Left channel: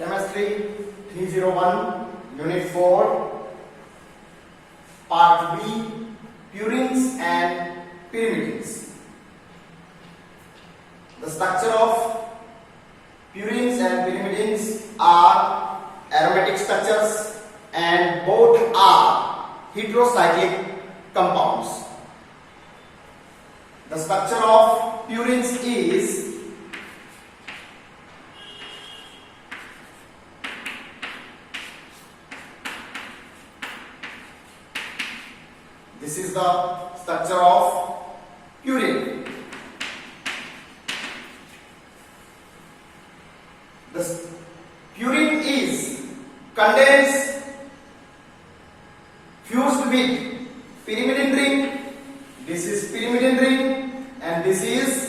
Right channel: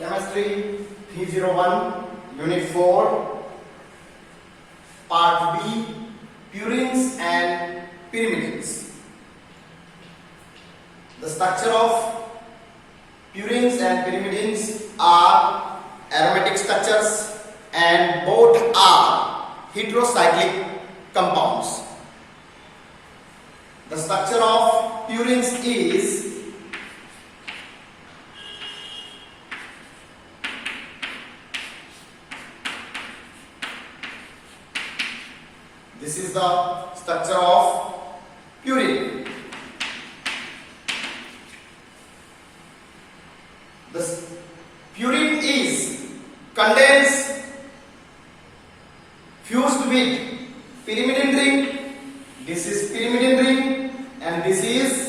Chemistry 301, Unit 4, Part B, Purines and Pyrimidines. The structure of purines and pyrimidines are aromatic structures and both are heterocyclic compounds. The structure of purines is this is the structure of purine. The purine is condensed fused with pyrimidine ring. This is pyrimidine ring and this is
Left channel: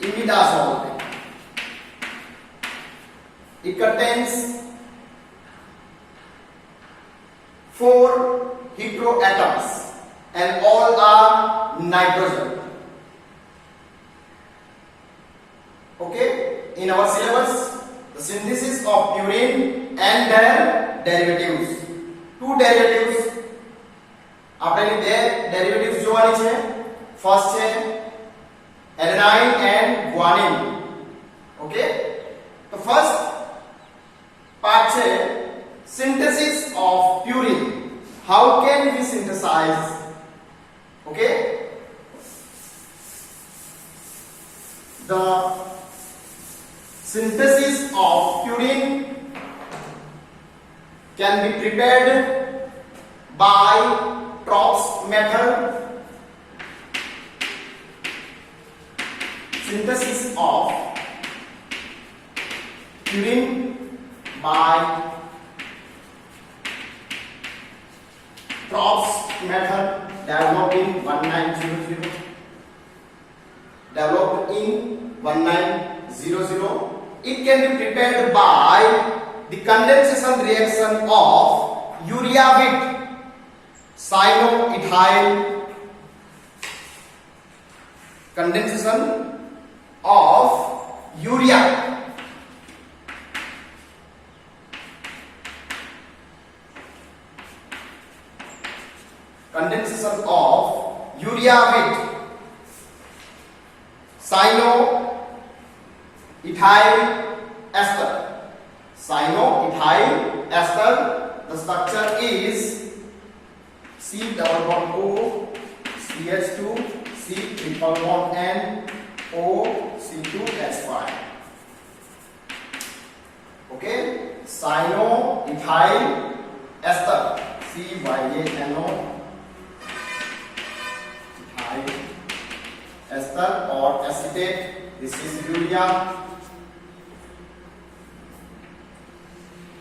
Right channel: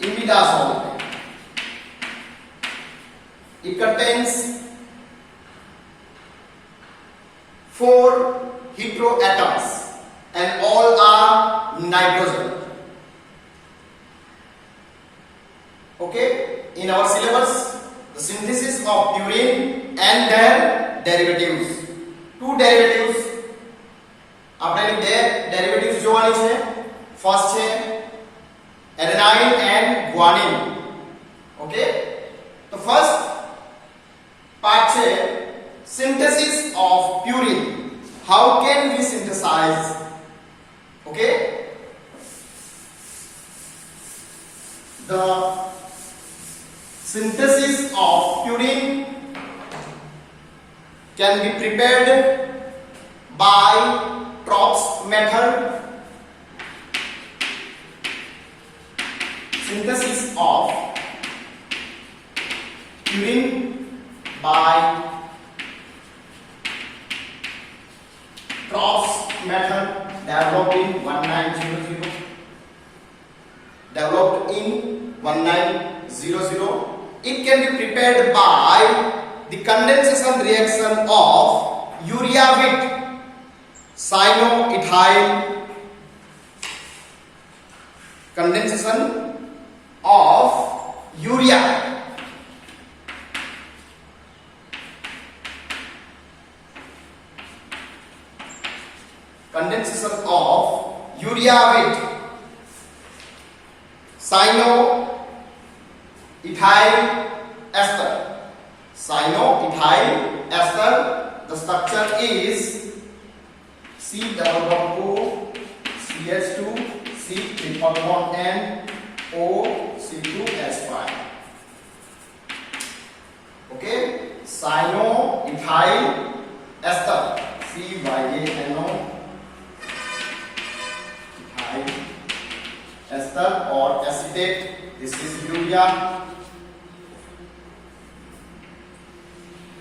imidazole ring. It contains 4 heteroatoms and all are nitrogen. Okay, in our syllabus, the synthesis of purine and their derivatives. 2 derivatives. આપણે બે derivatives જોવાની છે. First છે adenine and guanine. Okay, તો first part છે synthesis of purine. How can we synthesize? Okay, the synthesis of purine can be prepared by Tropsch method. Synthesis of purine by Tropsch method developed in 1900. It can be prepared by the condensation reaction of urea with cyanoethyl. Condensation of urea with cyanoethyl ester. Cyanoethyl ester. The structure is C-double-bond-O, CH2, C-triple-bond-N, O, C2H5. Okay, cyanoethyl ester, CYANO ethyl ester or acetate. This is urea.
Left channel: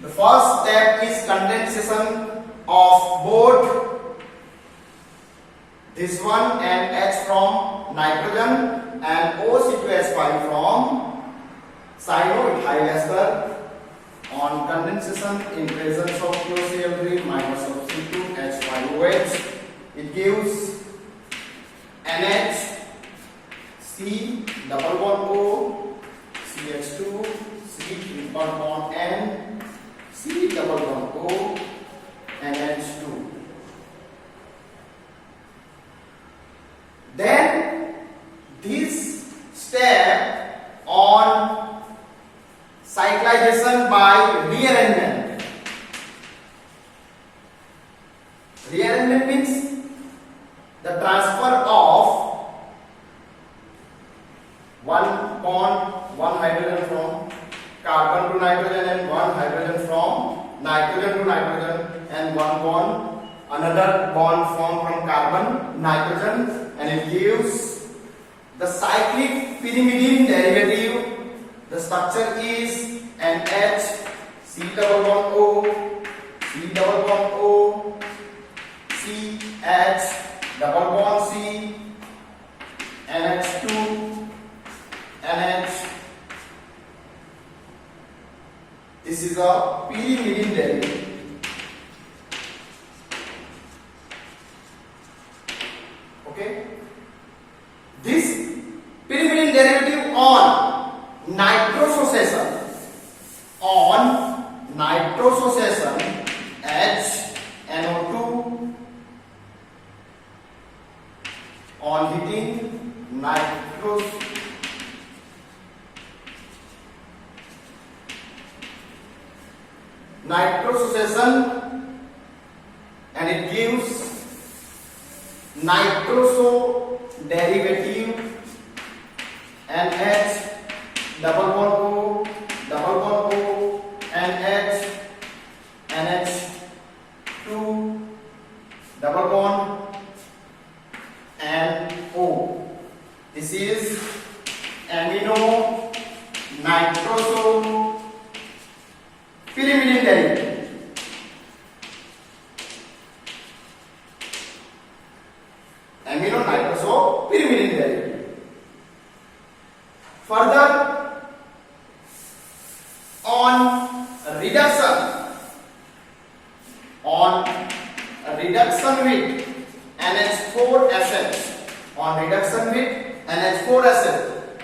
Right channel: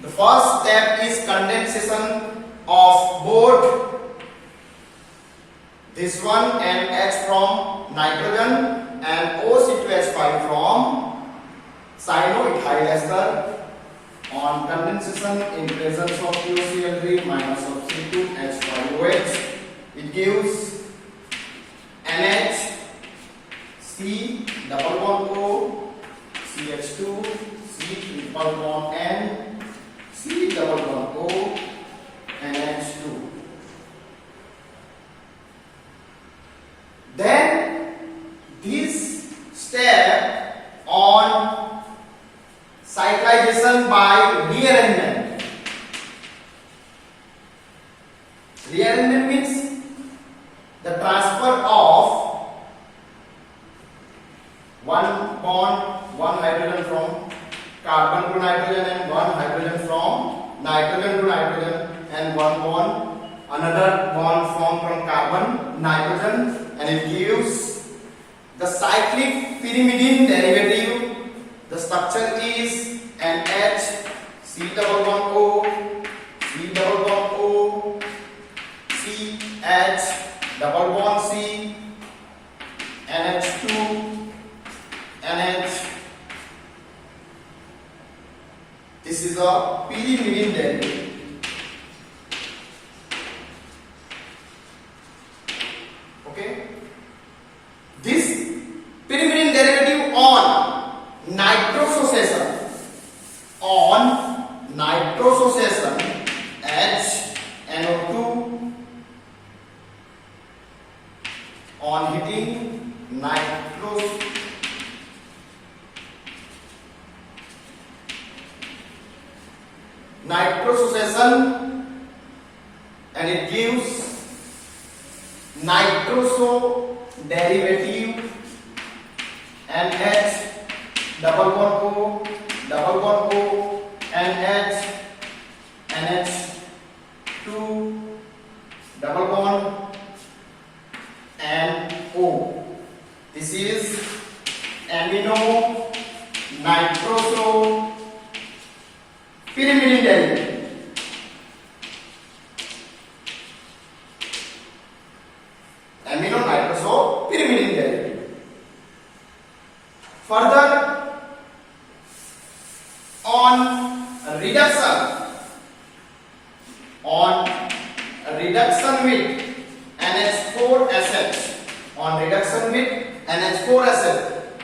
The first step is condensation of both this one and H from nitrogen and OC2H5 from cyanoethyl ester. On condensation in presence of COCl3 minus of C2H5OH, it gives NH, C double bond O, CH2, C triple bond N, C double bond O, NH2. Then this step on cyclization by rearrangement. Rearrangement means the transfer of one bond, one hydrogen from carbon to nitrogen and one hydrogen from nitrogen to nitrogen and one bond, another bond formed from carbon, nitrogen, and it gives the cyclic pyrimidine derivative. The structure is NH, C double bond O, C double bond O, CH double bond C, NH2, NH. This is a pyrimidine derivative. nitrosation HNO2 on heating nitrosation, and it gives nitroso derivative NH double bond O NH NH2 double bond and O. This is amino nitroso pyrimidine derivative. Amino nitroso pyrimidine derivative. Further, on reduction with NH4SH,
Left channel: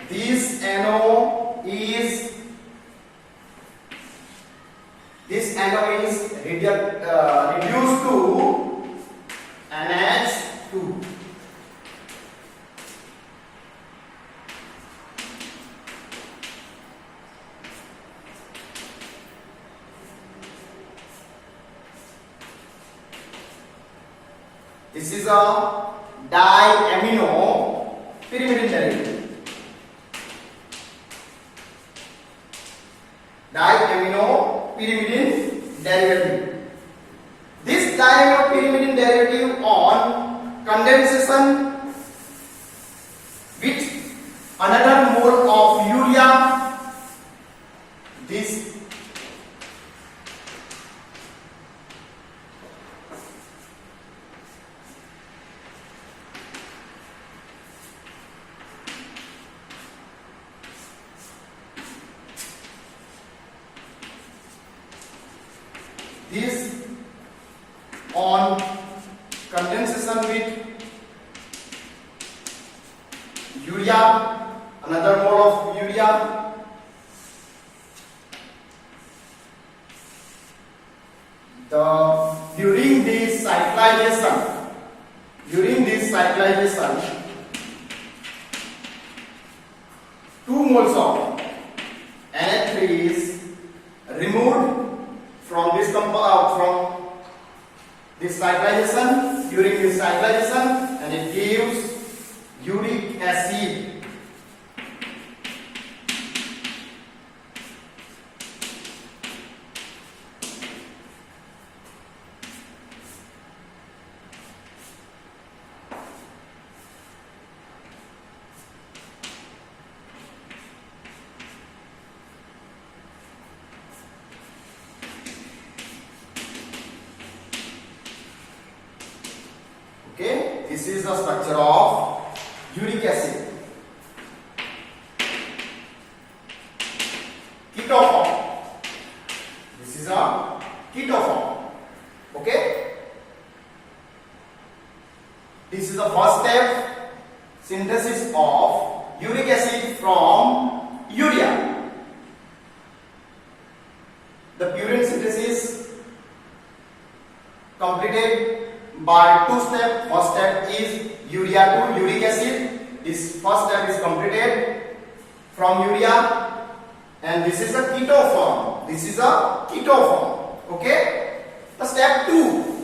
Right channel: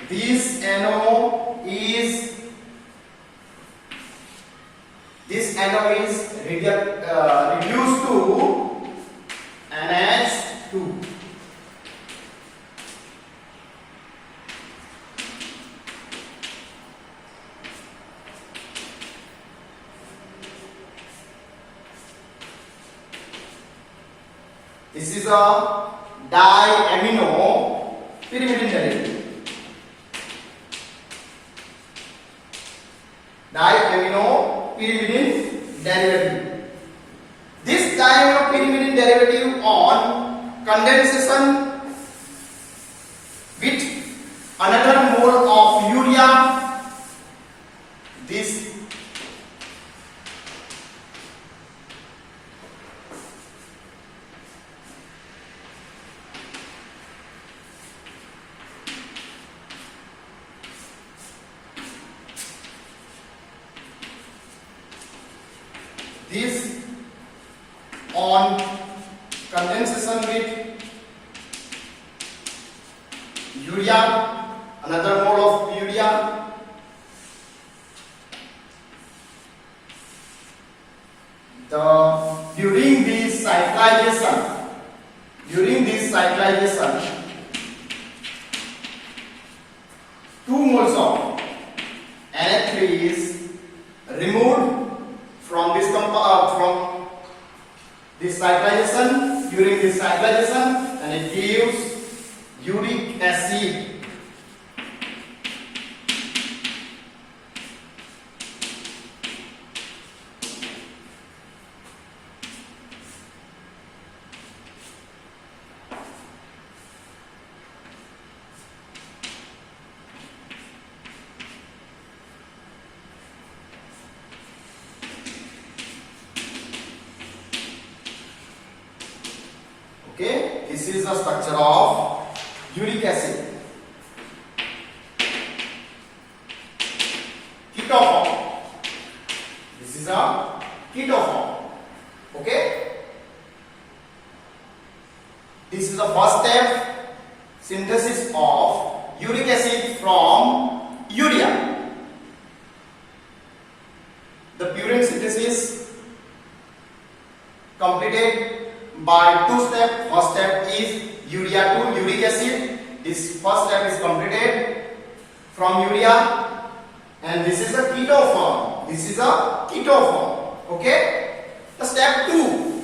this NO is reduced to NH2. This is a diamino pyrimidine derivative. This diamino pyrimidine derivative on condensation with another mole of urea, this on condensation with urea, another mole of urea, during this cyclization 2 moles of NH3 is removed from this cyclization, during this cyclization, and it gives uric acid. Okay, this is the structure of uric acid. Ketoform. This is a ketoform. Okay, this is the first step, synthesis of uric acid from urea. The purine synthesis completed by 2 steps. First step is urea to uric acid. This first step is completed from urea, and this is a ketoform. Okay, the step 2.